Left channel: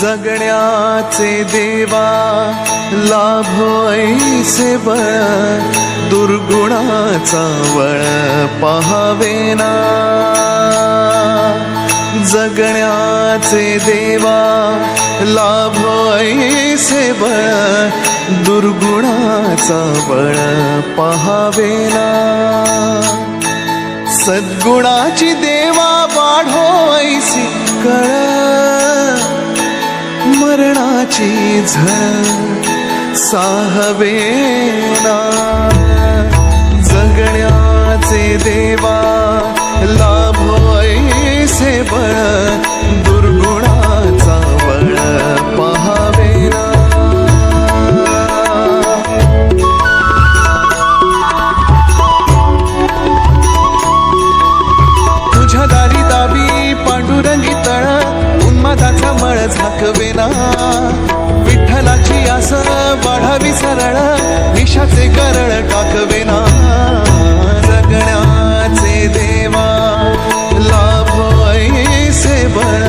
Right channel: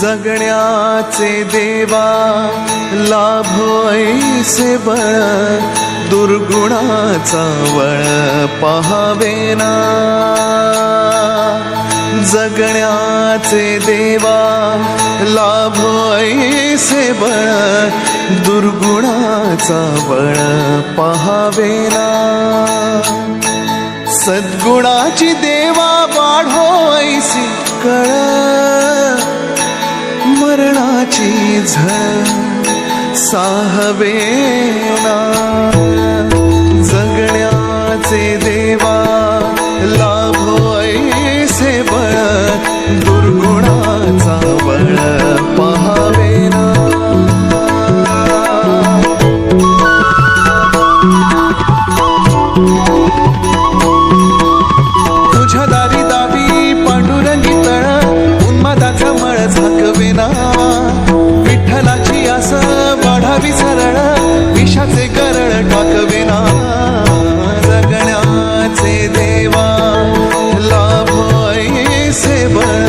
जगण्याचे देवा लाभो ऐसे बळ, दुर्गुणाचा वळ पहावेना। जगण्याचे देवा लाभो ऐसे बळ, दुर्गुणाचा बळ पहावेना। सद्गुणाची देवा वाढो ऐसी कळ, मरणाची झळ साहवेना। जगण्याचे देवा लाभो ऐसे बळ, दुर्गुणाचा बळ पहावेना। तुझ्या दारी दावी पांडुरंगी तळ, उन्मादाचा मळ झाकवेना। विठ्ठलाची आस वाढावी सरळ, विषाचे गरळ टाकवेना। जगण्याचे देवा लाभो ऐसे बळ,